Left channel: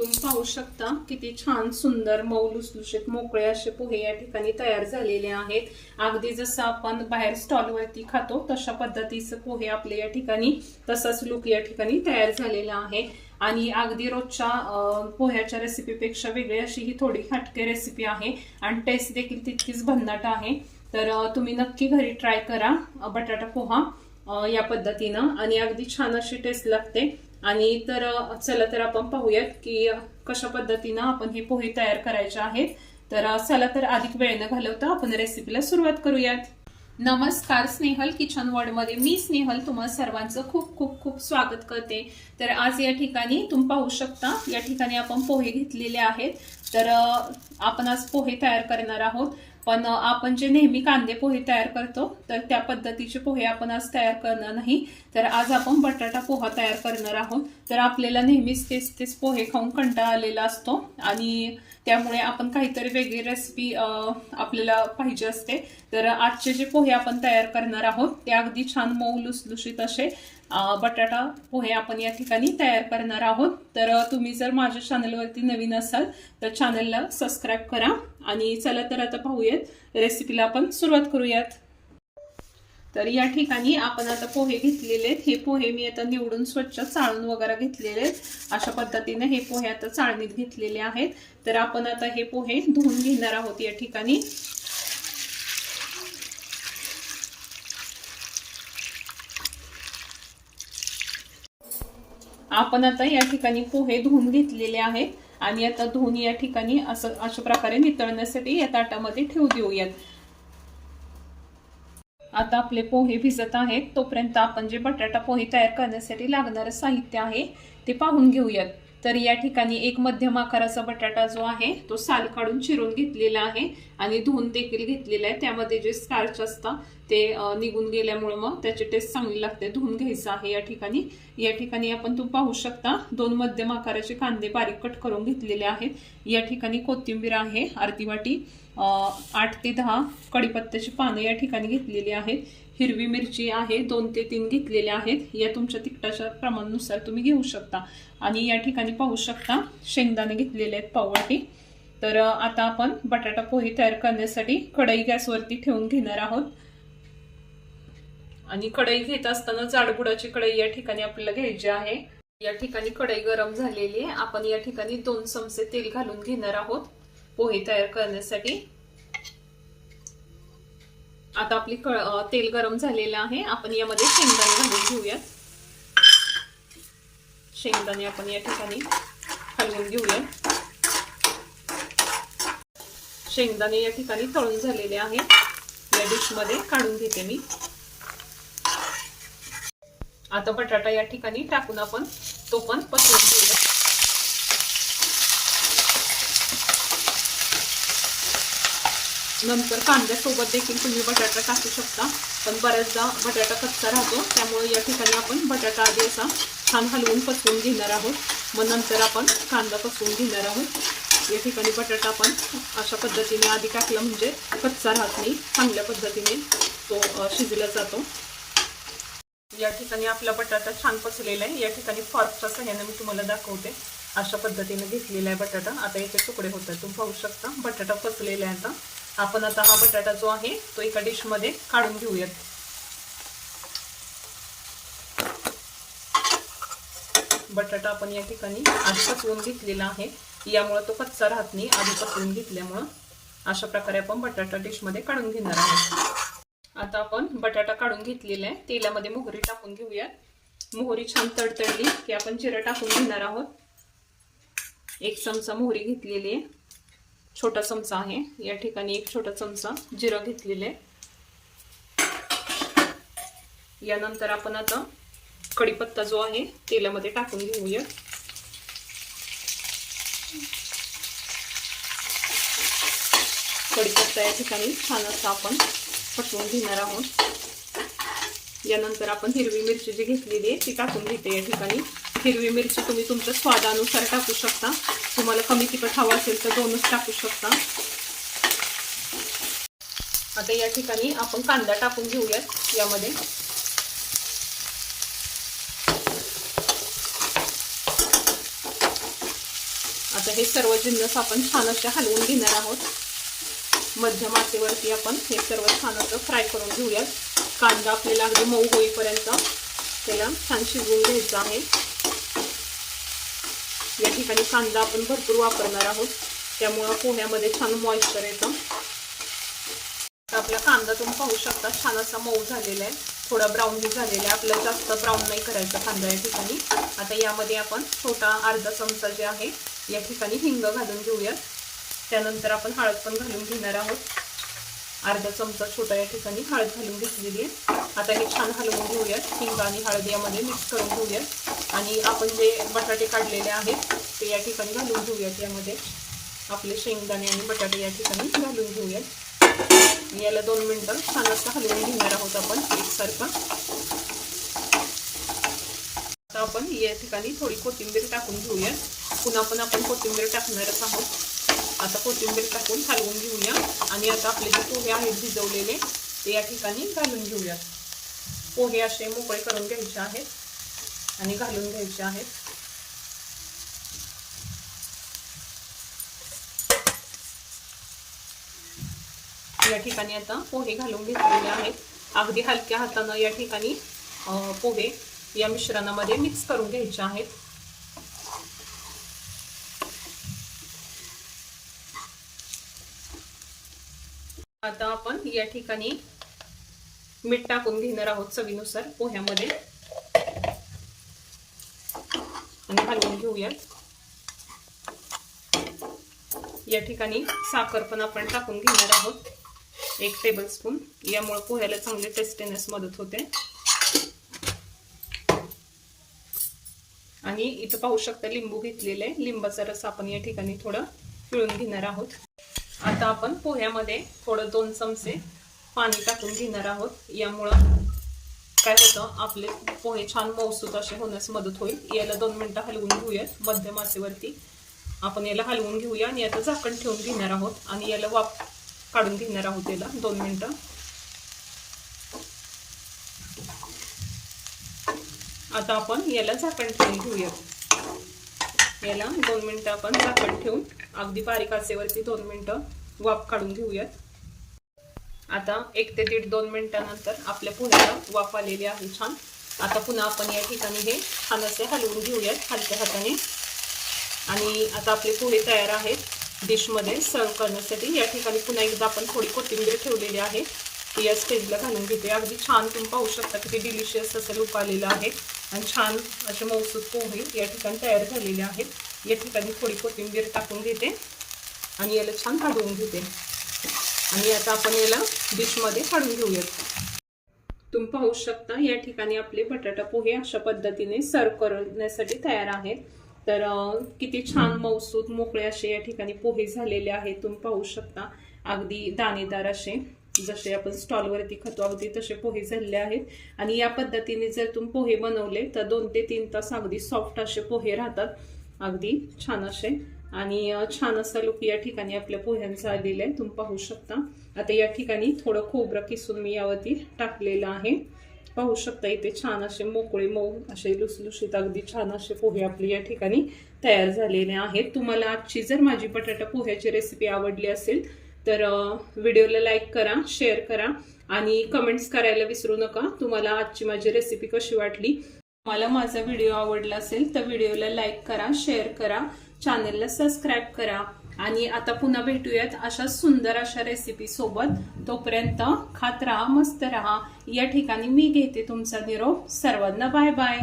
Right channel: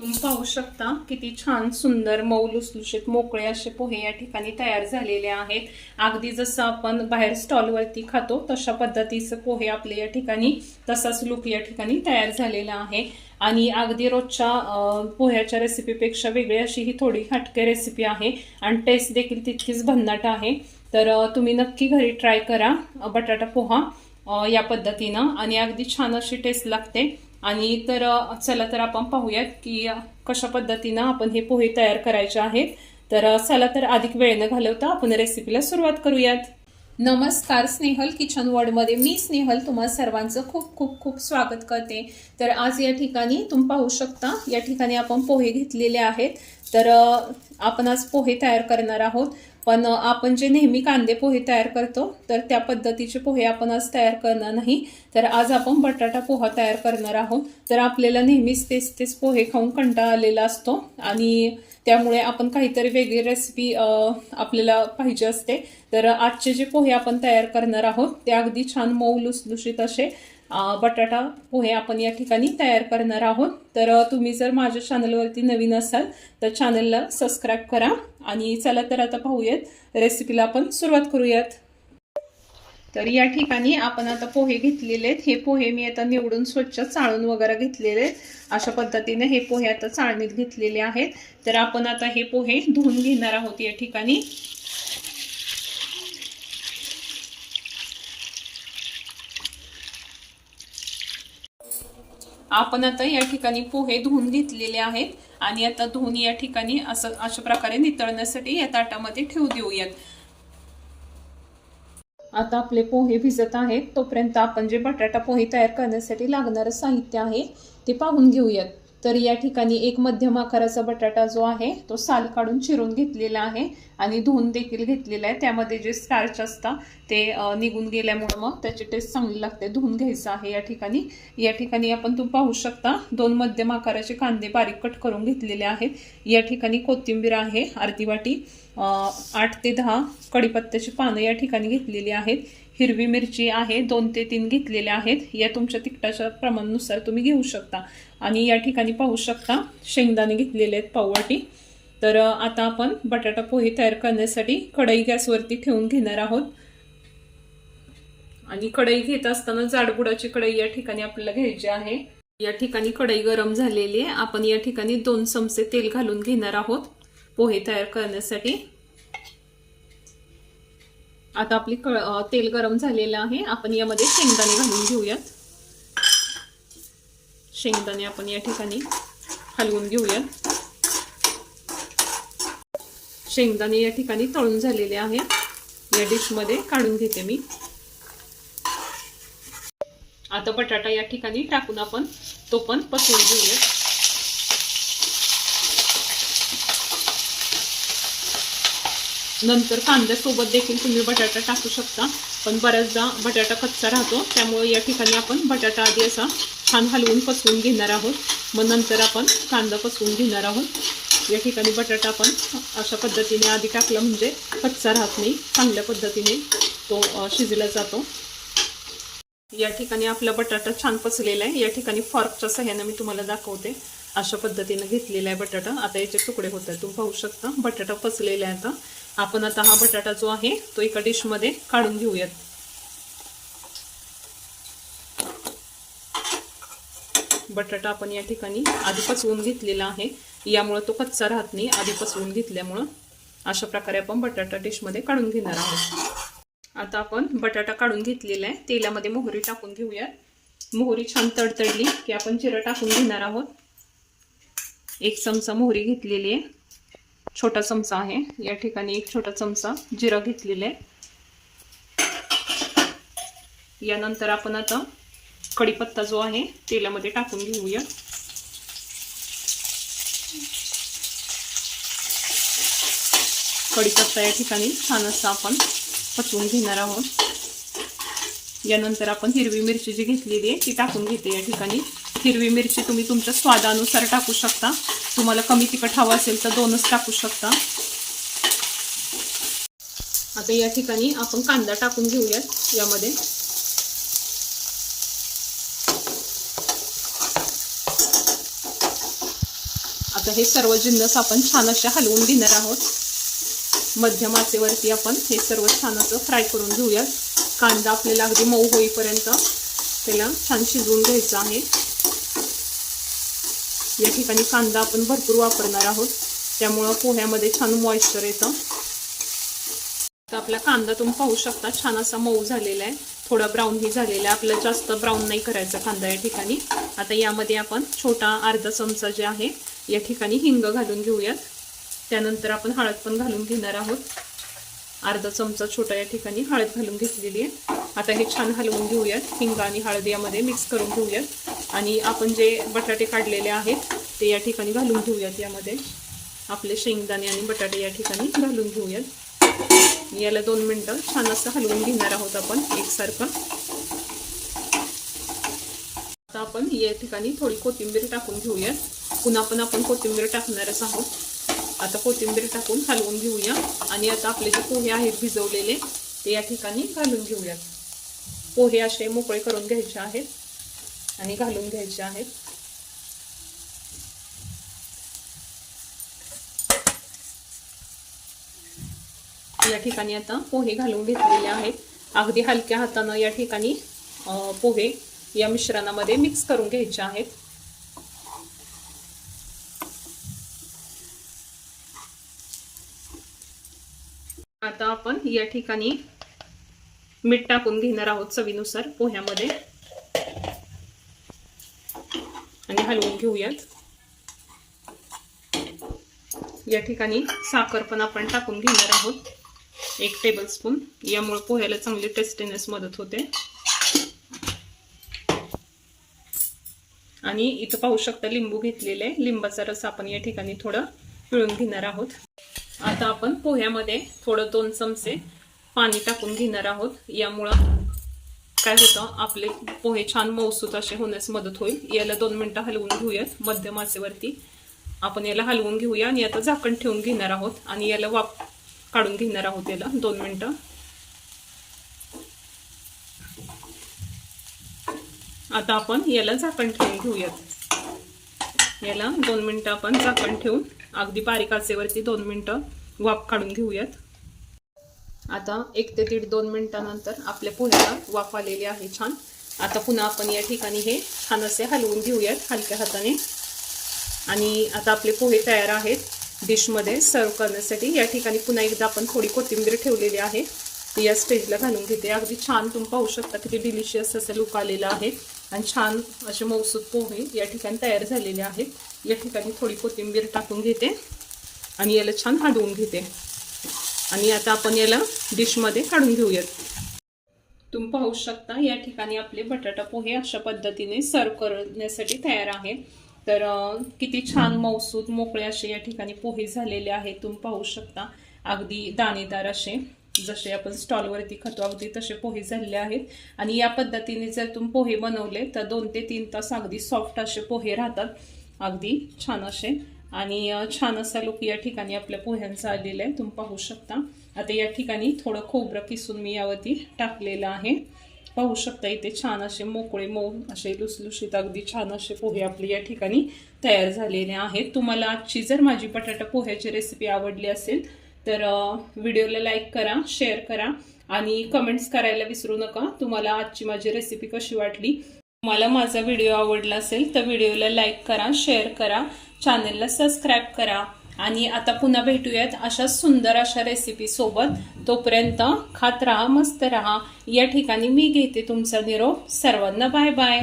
तुम्ही पाहू शकता किती छान सुंदर मऊ लुसलुशीत मोकळे असे पोहे या ठिकाणी तयार झालेले आहेत. अगदी जसं आपण बाहेर स्टॉलवरती खातो तशा पद्धतीचं पोहे आपले या ठिकाणी तसाच लुक या ठिकाणी तयार झालेला आहे. आणि अगदी रोजच्या पोह्याच्या रेसिपीपेक्षा वेगळी अशी ही थोडी हटके रेसिपी आहे. आणि टेस्ट देखील तितकीच भन्नाट आहे. तर तुम्ही नक्की घरी ट्राय करा बटाटा पोहा या पद्धतीनं. आणि अगदी छान अशी टेस्ट लागते. आणि तर चला तर आपण पाहूयात की कशा पद्धतीनं आपण हे पोहे तयार करायचे आहेत. तर चला तर अधिक वेळ न घालवता. आपण रेसिपीला सुरुवात करूयात. नमस्कार स्नेहल किचन वॉर्डमध्ये. मी स्नेहल तुम्हा सर्वांचं खूप खूप खूप स्वागत करते. तर आज या ठिकाणी तुम्ही पाहू शकता या ठिकाणी आपण पोहे घेतलेले आहेत. तर आपण आज पोहे तयार करणार आहोत. पण आपण जे नेहमी कांदे पोहे तयार करतो तर त्या पद्धतीचे पोहे आपण आज तयार करणार नाही. तर आज आपण बटाटा पोहा तयार करणार आहोत. तर आपल्याला नेहमीच तेच तेच पोहे खाऊन कंटाळा आलेला असतो आणि त्यामुळे आपण काहीतरी वेगळी रेसिपी आपल्याला पाहिजे असते. तर आजचे जे पोहे आपण तयार करणार आहोत ते अगदी छान मऊ लुसलुशीत असे बटाटा पोहे आपण या ठिकाणी तयार करणार आहोत. तर तुम्ही जर माझ्या चॅनलवरती नवीन असाल तर चॅनलला सबस्क्राईब करा आणि चला तर आता पाहूयात रेसिपीला आपण सुरुवात करूयात. तर या ठिकाणी आपण आता पोहे घेतलेले आहेत. हे पोहे मी आता निवडून स्वच्छ चाळून वगैरे घेतलेले आहेत. अशा पद्धतीने हे पोहे आता चाळणीत घेतलेले आहेत. तर आपण आता हे पोहे धुवून घेणार आहोत या ठिकाणी. आपण आता या ठिकाणी पोहे धुवून घेतलेले आहेत आणि आता धुवून या ठिकाणी असं अशा प्रकारे नितळण्यासाठी या ताटामध्ये ठेवू देऊयात. आता आपले पोहे भिजत आहेत. तोपर्यंत आपण जे बटाटा पोहे तयार करण्यासाठी लागणारं साहित्य आहे ते पाहून घेऊयात. तर या ठिकाणी एक मध्यम आकाराचा बटाटा जो आहे तो साल काढून चिरून घेतलेला आहे आणि धुवून देखील घेतलेला आहे. त्यामध्ये जे स्टार्च असतं ते निघून गेल्यामुळे मग त्याची टेस्ट चांगली लागते. धुवून घ्यायचं आहे या ठिकाणी. या ठिकाणी आपण तू पाहू शकता दोन मध्यम आकाराचे कांदे बारीक कट करून घेतलेले आहेत. या ठिकाणी कोथिंबीर आहे अर्धी वाटी. आठ ते दहा कढीपत्त्याची पानं या ठिकाणी घेतलेली आहेत. हिरवी मिरची आहे दोन ते तीन घेतलेल्या आहेत. या तुमच्या तिखटाच्या प्रमाणानुसार तुम्ही घेऊ शकता. आणि या ठिकाणी पाहू शकता शेंगदाणे घेतलेले आहेत पाववाटी. तर आता आपण बटाटा पोहे तयार करण्यासाठी कढई गॅसवरती ठेवून घेणार आहोत. आणि कढई घेत असताना जाडबुडाची कढई या ठिकाणी आपल्याला घ्यायची आहे. या ठिकाणी कढई गरम झालेली आहे. आपण या ठिकाणी दोन चमचे तेल घालून घेणार आहोत. पोहे तयार करण्यासाठी. आता आपली तेल गरम झालेलं आहे. आपण यामध्ये शेंगदाणे घालून घेऊयात. शेंगदाणे आपण या ठिकाणी हलवून घेऊयात. शेंगदाणे या ठिकाणी तळून झालेले आहेत. या डिशमध्ये काढून घेते मी. आता बटाटा या ठिकाणी टाकून आपण तो पण पसरून घेऊया नंतर कांद्यासोबत देखील तुम्ही बटाटा टाकू शकता. पण बऱ्याचदा बटाटा कच्चा राहतो. त्यामुळे या ठिकाणी आपण बटाटा आधी असा छान हलवून पसवून घेणार आहोत. मग नंतर आपण कांदा पसवून घेणार आहोत. या ठिकाणी बटाटा आपण अशा पद्धतीने आधी टाकला म्हणजे कच्चा राहत नाही. चांगल्या पद्धतीने तो शिजला जातो. या ठिकाणी आपला बटाटा छान पसलेला आहे. या ठिकाणी फॉर्कच्या सहाय्याने मी तुम्हाला दाखवते. अशा पद्धतीने घेतलेला आहे बटाटा. आता याचे तुकडे होत आहेत तुम्ही पाहू शकता. बटाटा पसलेला आहे आता. आपण आता हा बटाटा जो आहे तो एका डिशमध्ये काढून घेऊयात. बटाटा आपण या ठिकाणी आधी पसवून घेतलेला आहे. यामुळं तो कच्चा राहत नाही. आधी पसवून घेतल्यामुळं अशा प्रकारे आपण बटाटा डिशमध्ये काढून घेणार आहोत. आता आपण बटाटा काढून घेतलेला आहे. तेलामध्ये मोहरी टाकून घेऊयात. मोहरी छान तडतडली की आपण जिरं टाकून घेणार आहोत. एक चमचा मोहरी घेतलेली आहे. छोटा चमचा आहे. या ठिकाणी एक छोटा चमचा जिरा घेतलेला आहे. यानंतर आपण आता कढीपत्ता जो आहे तेलामध्ये टाकून घेऊया. कढीपत्ता या ठिकाणी छान असा आपण पचवून घेणार आहोत. यानंतर आपण हिरवी मिरची जी घेतलेली आहे ती टाकून घेते या ठिकाणी. हिरवी मिरची तुम्ही तुमच्या स्वादानुसार टाकू शकता. तुम्हाला कमी तिखट हवं असेल तर दोनच टाकू शकता. आता या ठिकाणी आपण कांदा टाकून घेऊयात. यामध्ये आता हे सर्व जिन्नस आपण छान असे हलवून घेणार आहोत. मध्यम आचेवरती आपण हे सर्व छान असं फ्राय करून घेऊयात. कांदा आपल्याला अगदी मऊ होईपर्यंत त्याला छान शिजवून घ्यायचं आहे. या ठिकाणी कांदा आपण भरपूर वापरणार आहोत. त्यामुळं पोह्यामध्ये छान मॉइश्चर येतं. तर आपला कांदा तुम्ही पाहू शकता छान असा मऊ झालेला आहे. थोडा ब्राऊनही झालेला आहे. आपला जास्त ब्राऊन नाही करायचा कांदा या ठिकाणी. आता यामध्ये आपण छोटा अर्धा चमचा जे आहे या ठिकाणी हिंग घालून घेऊयात. त्यानंतर आपण हळद पण घालून घेणार आहोत. अर्धा चमचा छोटा या ठिकाणी हळद घालून घेतलेली आहे. आता हे छान हलवून घेऊयात. हिंग आणि हळद यामध्ये मिक्स करून घेऊयात. आणि आपण जे बटाटे काढलेले आहेत ते या ठिकाणी घालून घेऊयात. यामध्ये आपले शेंगदाणे आणि बटाटे या ठिकाणी घालून घेऊयात. याला दोन मिनटं छान असं हलवून घेणार आहोत आपण एकसारखं. आता आपण या ठिकाणी थोडी कोथिंबीर टाकून घेऊयात. पुन्हा पण आपण कोथिंबीर टाकणारच आहोत. आता कोथिंबीर टाकून हलवून घेऊया. आणि आता आपले जे पोहे आहेत भिजवलेले ते या ठिकाणी घालून घेऊयात. पोहे असे मोकळे करून घ्यायचे आहेत. आणि घालून घ्यायचे आहेत. या ठिकाणी आता पोहे घालून घेतलेले आहेत. अगदी हलक्या हातानं या ठिकाणी पोहे या मिश्रणामध्ये मिक्स करून घ्यायचे आहेत. आता आपण या ठिकाणी मीठ टाकून घेणार आहोत चवीनुसार पोह्यामध्ये. आणि हलवून घेऊयात. या ठिकाणी साखर पण आपण टाकून घेणार आहोत. एक टेबल स्पून यामुळे पोह्याला चांगली टेस्टीनेस मदत होते. आणि इथं पाहू शकता लिंबू घेतलेले. लिंबाचा रस आपण या ठिकाणी थोडं पिळून घेणार आहोत. आता आपण पोह्यामध्ये थोडं दोन चमचे पाणी टाकून घेणार आहोत. यामुळं काय होतं आपले पोहे छान मौसूत असे होण्यास मदत होईल. याला दोन मिनटं हलवून घेऊयात मध्यम आचेवरती. आपण याला हलवून घेऊया आणि आता झाकण ठेवून घेणार आहोत आणि याला वाफ काढून घेणार आहोत याला दोन मिनटं. आता आपण याला झाकण ठेवून घेऊयात. याला दोन मिनटं आपण झाकण ठेवून अगदी बारीक आचेवरती दोन मिनटं वाफ काढून घेऊयात. आता एक ते दीड दोन मिनिटानंतर आपल्या पुण्याला वाफ आलेली आहे छान. आता पुन्हा आपण या ठिकाणी हे छान असे हलवून घेऊयात हलक्या हाताने. आणि आता आपले पोहे तयार आहेत. डिशमध्ये सर्व करण्यासाठी या ठिकाणी पुन्हा एकदा आपण थोडी कोथिंबीर ठेवलेली आहे. ती या स्टेजला घालून घेते. अगदी छान तुम्ही पाहू शकता किती डिलिशियस असं लूप आलेलं आहे. आणि छान असे मौसूद पोहे या ठिकाणी तयार झालेले आहेत. या ठिकाणी थोडी कोथिंबीर टाकून घेते. आणि याला छान हलवून घेते. आणि आता आपण याला डिशमध्ये काढून घेऊयात. तुम्ही पाहू शकता या ठिकाणी आपले बटाटा पोहे अशा पद्धतीने सर्व करण्यासाठी तयार आहेत. तर किती छान मौसूद मोकळे असे या ठिकाणी पोहे झालेले आहेत. तुम्ही पाहू शकता अगदी दाणेदार असे. जसे आपण स्टॉलवरती खातो अगदी तसे पोहे झालेले आहेत. आणि या पद्धतीने जर तुम्ही पोहे बनवले तर दोन ते तीन तास अगदी सॉफ्ट असे पोहे राहतात. अगदी छान असे आणि छान असा लुक या ठिकाणी आपल्या पोह्यांचा आलेला आहे. तुम्ही पाहू शकता. आता या ठिकाणी थोडं खोबरं किसून मी यावरती टाकलेलं आहे. पाहू शकता इथे छान असे मोकळे मऊ असे लुसलुशीत अगदी छान असे पोहे आपले या ठिकाणी तयार झालेले आहेत. तुम्हाला आजची जर माझी बटाटा पोह्याची रेसिपी आवडली असेल तर व्हिडिओला लाईक करा शेअर करा आणि कमेंट्स करायला विसरू नका. तुम्हाला आजची माझी रेसिपी कशी वाटली तुम्हाला माझा व्हिडिओ आवडला असेल तर व्हिडिओला लाईक करा शेअर करा चॅनेलला सबस्क्राईब करा. आणि आता पुन्हा भेटूयात अशा सुंदर अशा रेसिपी सोबत. तोपर्यंत खात राहा मस्त राहा. या ठिकाणी मी घेते तुमचा निरोप. सर्वांना बाय बाय